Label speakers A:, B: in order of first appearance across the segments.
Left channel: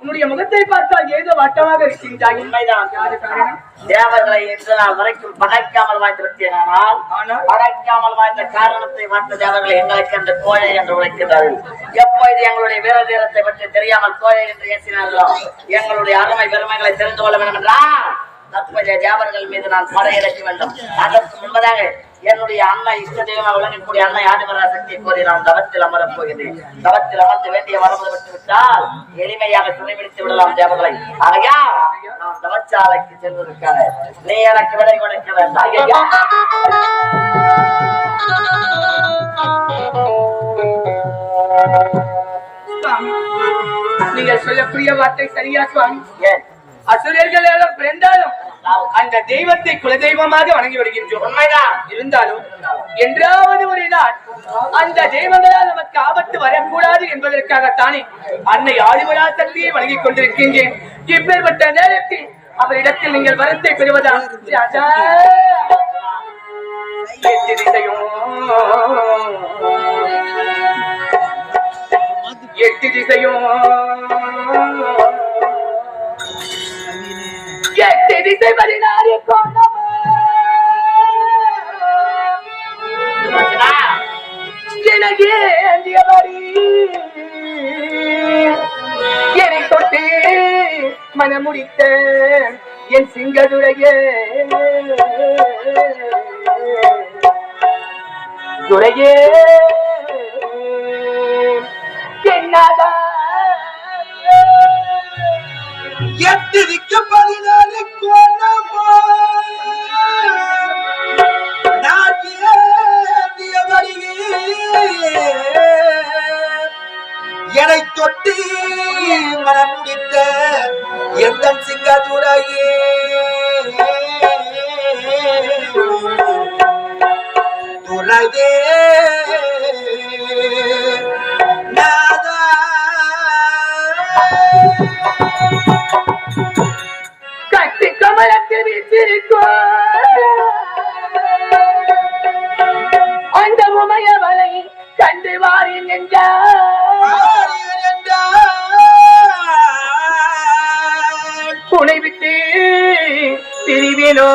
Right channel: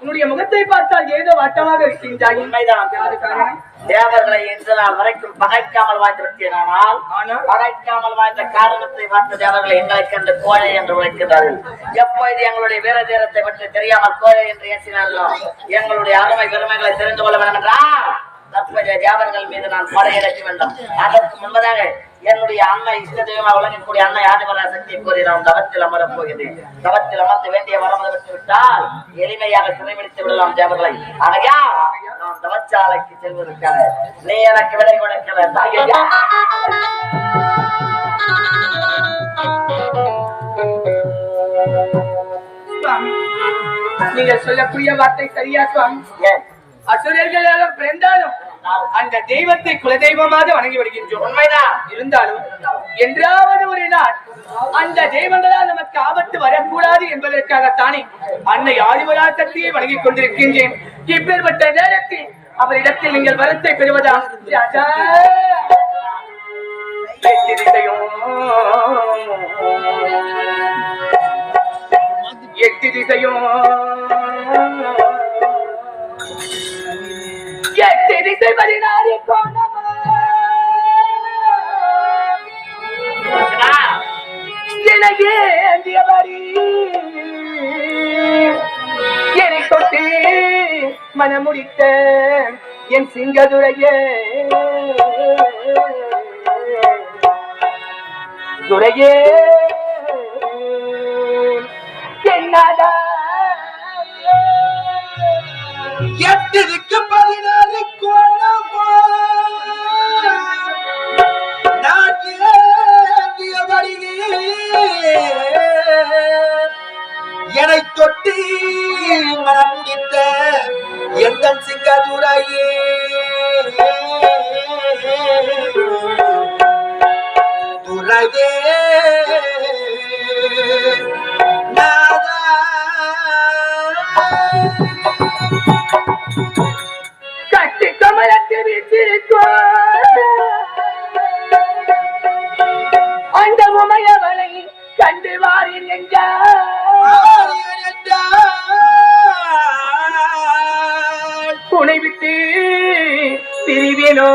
A: உன்னுடைய முகத்தை பார்த்தால் ஏதோ வட்டமாக இருக்கின்றாய்.
B: உண்மைதான். தேவர்களை இன்று நாள் வரைக்கும் பகைக்காமல் வாழ்ந்திருக்கிறேனால் பகைக்காமல் வாழ்ந்த காரணத்தை பார்த்த தேவர்களை எங்களுக்கு என்று கோயை என்று உழைக்கிறார்கள் எப்பொழுது எங்களுடைய வீர தீரத்தை பற்றி தெரியாமல் கோயை என்று ஏற்றினார்களோ எங்களுடைய அருமை பெருமைகளை தெரிந்து கொள்ள வேண்டும் என்றால் தற்போதைய தேவர்கள் மீது நான் படையெடுக்க வேண்டும். அதற்கு முன்பதாக என்னுடைய அண்ணன் இஷ்ட தெய்வமாக விளங்கக்கூடிய அன்னை ஆதிபரா சக்தியை கோரி நான் தவத்தில் அமரப் போகிறேன் தவத்தில் அமர்ந்து வேண்டிய வரம்பு விட்டு விட்டால் எளிமையாக சிறைபிடித்து விடலாம் தேவர்களை. ஆகையா நான் தவச்சாலைக்கு செல்வதற்காக. நீ எனக்கு விடை கொடுக்க வேண்டாம்.
A: நீங்கள் சொல்லக்கூடிய வார்த்தை சரியா சுவாமி?
B: ஏன்?
A: அசுரர்கள் எல்லாம் பிறந்தாலும் அந்த தெய்வத்தை குலதெய்வமாக வணங்கி வருகின்றோம்.
B: உண்மைதான்.
A: இருந்தாலும் என்றாவது ஒரு நாள் அந்த தெய்வங்களால் நமக்கு ஆபத்து வரக்கூடாது என்பதற்காகத்தானே அன்னை ஆதிவரா சக்தியை வணங்கிக் கொண்டிருக்கின்றேன். இப்பேற்பட்ட நேரத்தில் அவரிடத்தில் நீங்கள் வரத்தை பெறுவதா? எட்டு திசையும் எட்டு திசையும். இசை திசை பதினாறு கோணமா என்னை தொட்டு மனமுடித்த என் சிங்கதுரையே துரையே என்னதா
C: எட்டுக்கு பதினாலு கோணமா நான் ஏந்திய என்னை தொட்டி மனம் முடித்த எந்த சிங்கதுரையே?
A: பிரிவினோ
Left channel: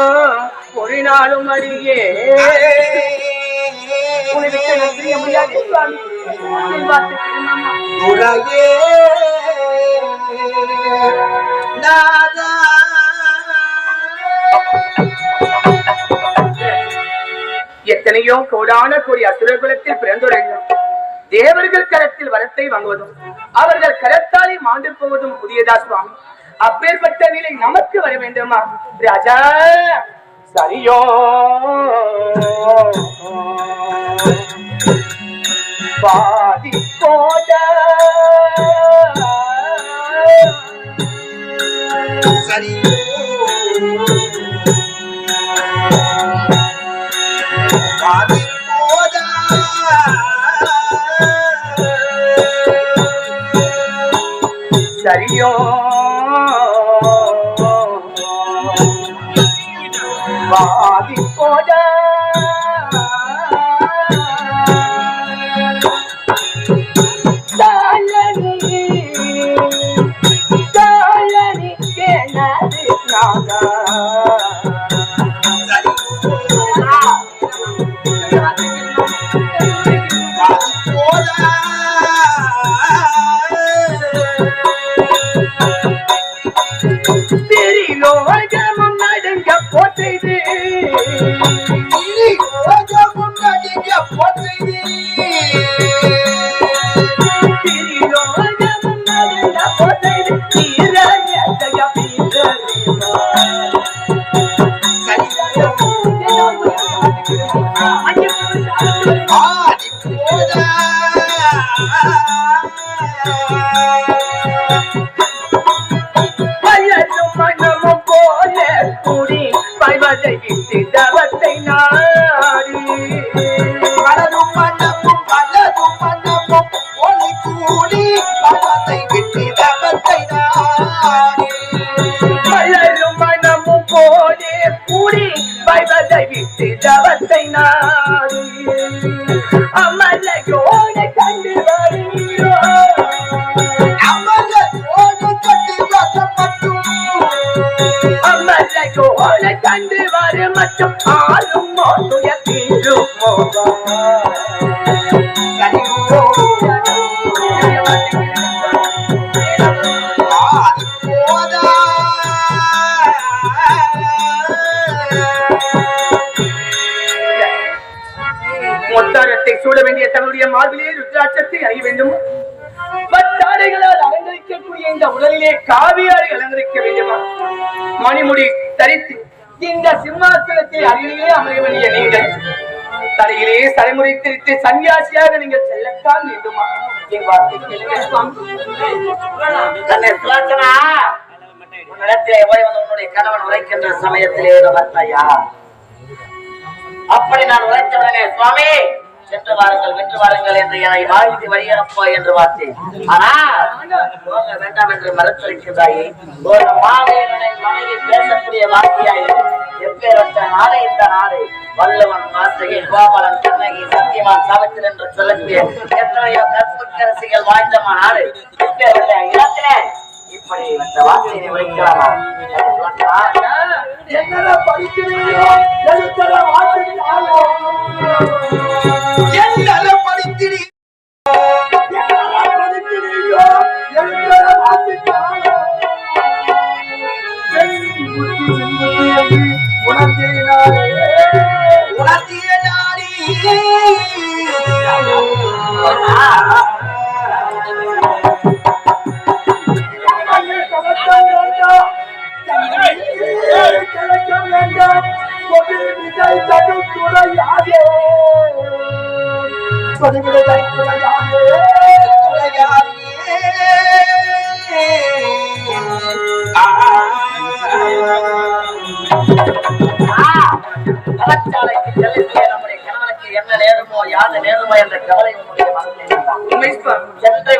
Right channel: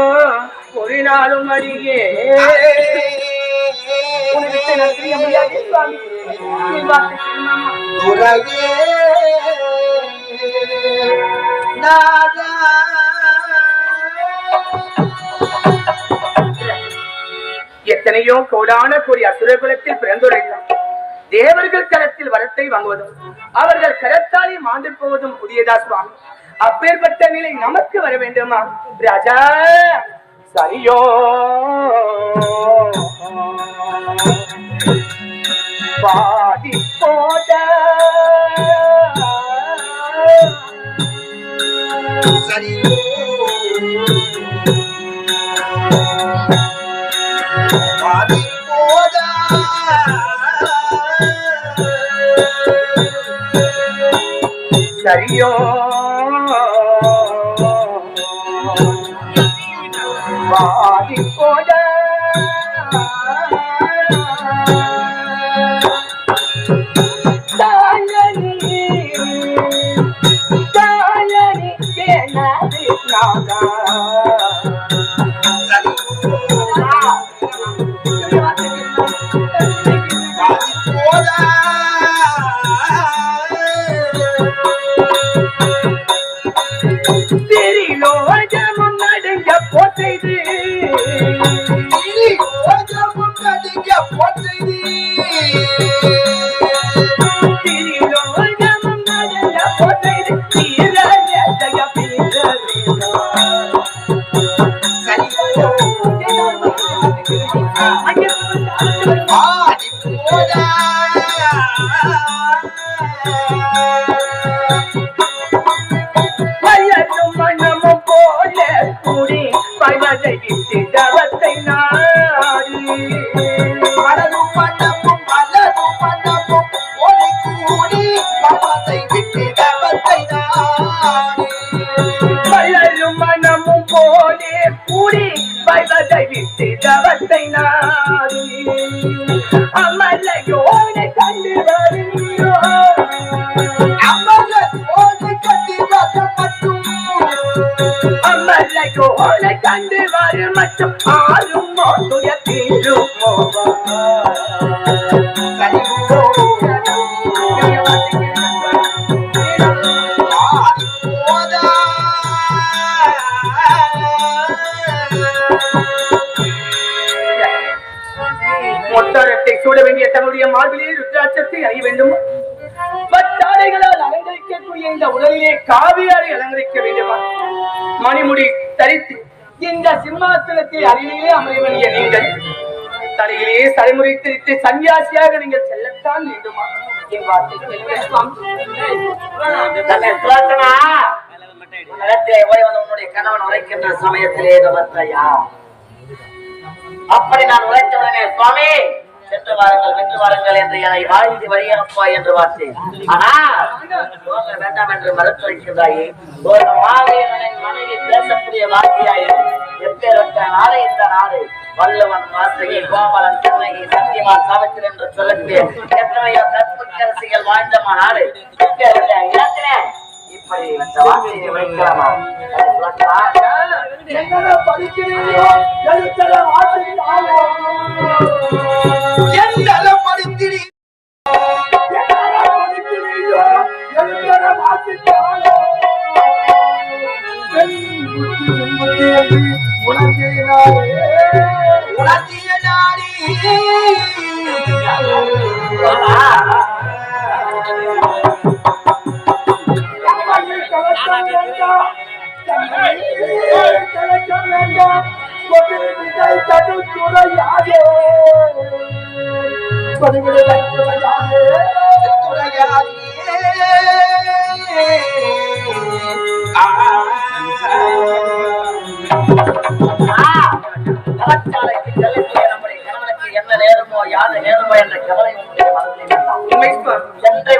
A: ஒரு நாளும் திரும்பமா. எத்தனையோ கோடான கோடி அசுரகுலத்தில் பிறந்துள்ளோம் தேவர்கள் கரத்தில் வரத்தை வாங்குவதும் அவர்கள் கரத்தாலே மாண்டு போவதும் புதியதா சுவாமி? அப்பேற்பட்ட நிலை நமக்கு வர வேண்டுமா? ராஜா சரியோ. பாதி போட
C: சரி பாதி போதா
A: சரியோ. Baby. அவருடைய மார்பிலே ருத்ராட்சத்தை அறிய வேண்டும். பத்தாடைகளால் அலங்கரிக்கக்கூடிய இந்த உடலிலே காவியாரை அலங்கரிக்க வேண்டுமா. மணிமுடி தரித்து இந்த சிம்மாசனத்தில் அருகிலே அமைய வேண்டிய நீங்கள் தலையிலே தலைமுறை திரித்து சன்னியாசியாக நீங்கள் செல்லத்தான் வேண்டுமா? என் வார்த்தை கேளுங்கள் சுவாமி.
B: உன்னுடைய கணவன் உரைக்கின்ற சமயத்திலே வந்தாயா அப்படி நான் உழைத்தவனே சுவாமி. சென்று வாருங்கள் வென்று வாருங்கள் என்று என்னை வாழ்ந்து வழியனுப்பா என்று பார்த்தேன் ஆனால் வேண்டாம் என்று மறுத்துரைக்கின்றாயே ஒரு மாவீரனின் மனைவி பேசக்கூடிய வார்த்தையாய் எப்பேரத்த நாடே இந்த நாடு வல்லவன் வார்த்தையை கோமலன் கண்ணகி சத்தியமான் சாவித்திரன் என்று சொல்லக்கூடிய எத்தனையோ கற்புக்கரசிகள் வாழ்ந்த நாடு எப்பேரத்த இலக்கணே இப்படி
A: எழுத்தர உணர்த்தினாரே
B: நம்முடைய கணவனுக்கு என்ன யாது என்ற கவலை உங்களுடைய மனதில் சென்று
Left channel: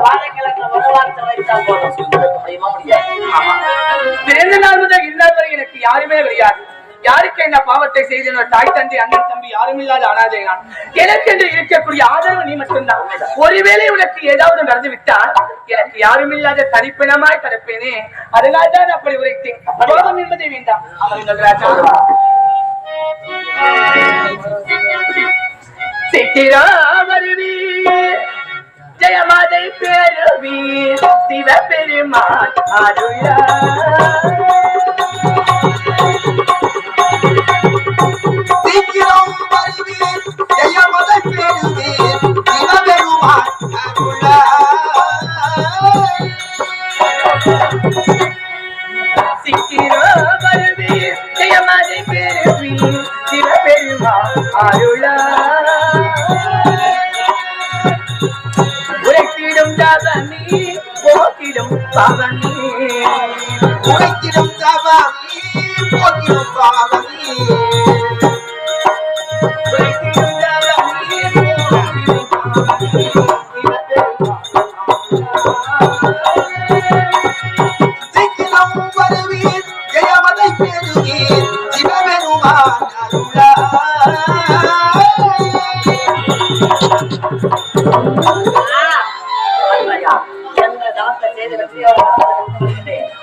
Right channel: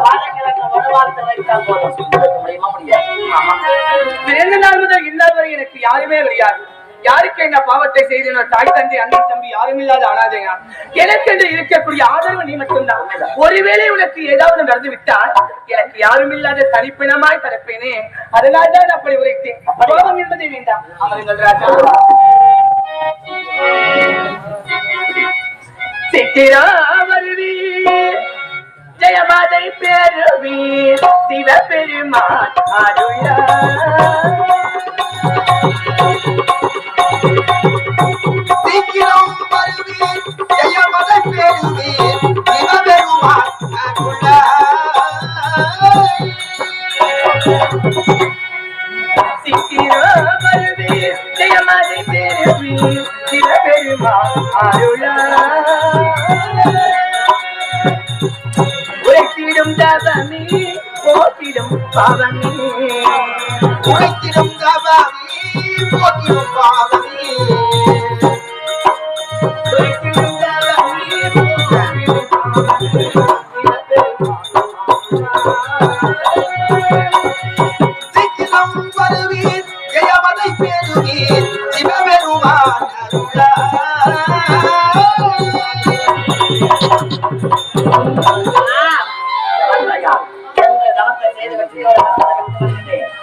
B: வாழைக்கிழங்கு வருவார்த்தை வைத்தால் போதும் முடியுமா முடியாது
A: பிறந்த நாள் முதல் வரை எனக்கு யாருமே கிடையாது யாருக்கு என்ன பாவத்தை செய்தனோ தாய் தந்தை அண்ணன் தம்பி யாரும் இல்லாத அனாதை நான்? எனக்கென்று இருக்கக்கூடிய ஆதரவு நீ மட்டும்தான். ஒருவேளை உனக்கு ஏதாவது நடந்து விட்டால் எனக்கு யாரும் இல்லாத தனிப்பினமாய் பிறப்பேனே அதனால்தான் அப்படி உரைத்தேன். கோபம் என்பதை வேண்டாம். அமருங்கள் ராஜா. சித்திரா வருவி ஜெயமாதை பேருவி சிவபெருமான் அருளா உழைத்திடும்
C: தவறி போக்கிடும் பாவனி
A: உழைத்திடும் தவமி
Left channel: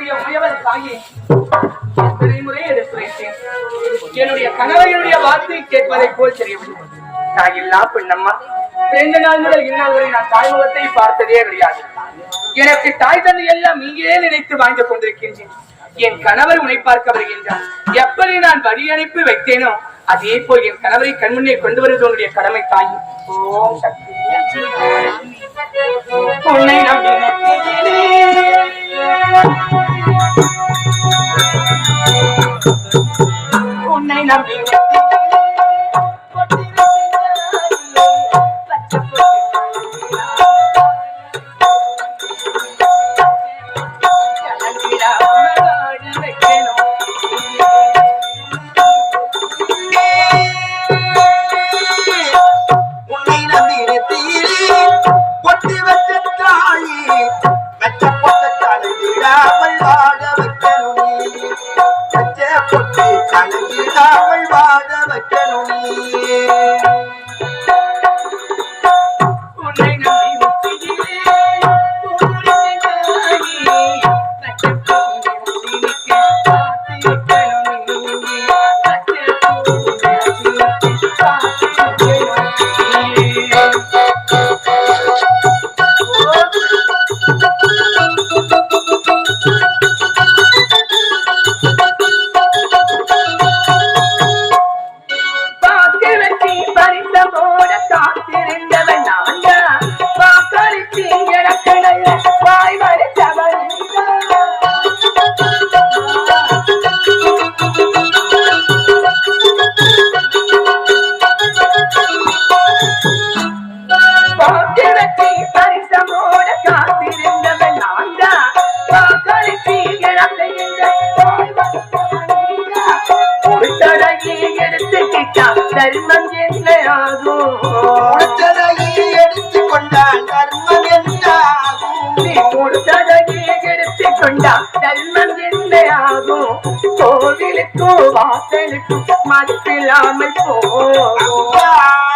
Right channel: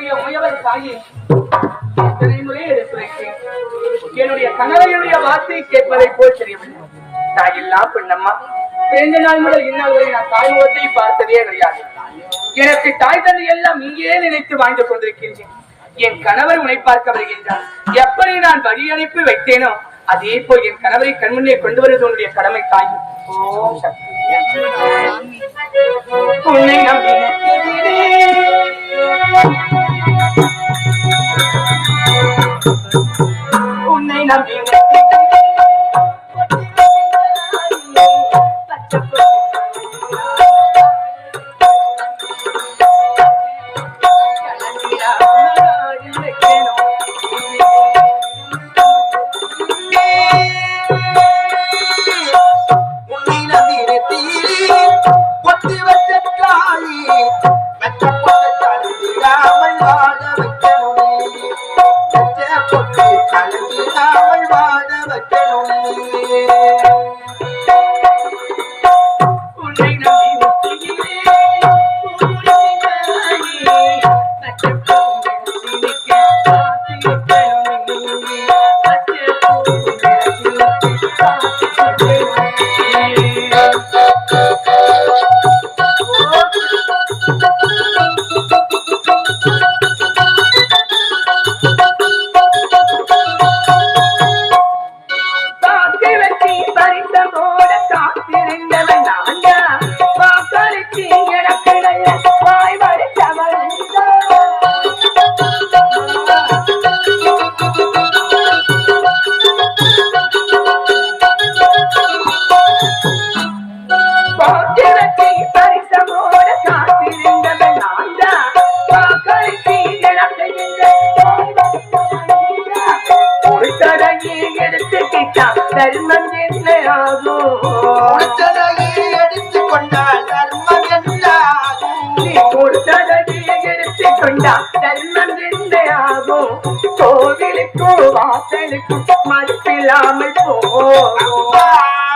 B: என்னுடைய
A: உயவர் முறை எடுத்துரைத்தேன். என்னுடைய கணவனுடைய வார்த்தை கேட்பதை போல் தெரியவில்லை. தாயில்லா பெண்ணம்மா. பிறந்த நாள் முதல் இந்நாள் வரை நான் தாய்முகத்தை பார்த்ததே கிடையாது. எனக்கு தாய் தந்தை எல்லாம் இங்கே நினைத்து வாழ்ந்து கொண்டிருக்கின்றேன். என் கணவர் உன்னை பார்க்க வருகின்றார் எப்படி நான் வழி அனுப்பி வைத்தேனோ அதே போல் என் கணவரை கண்முன்னே கொண்டு வருவது உன்னுடைய கடமை தாய் ஓம் சக்தி. உன்னை நம்பி உன்னை நம்பி
C: को बातें कुछ मत खिला मुझको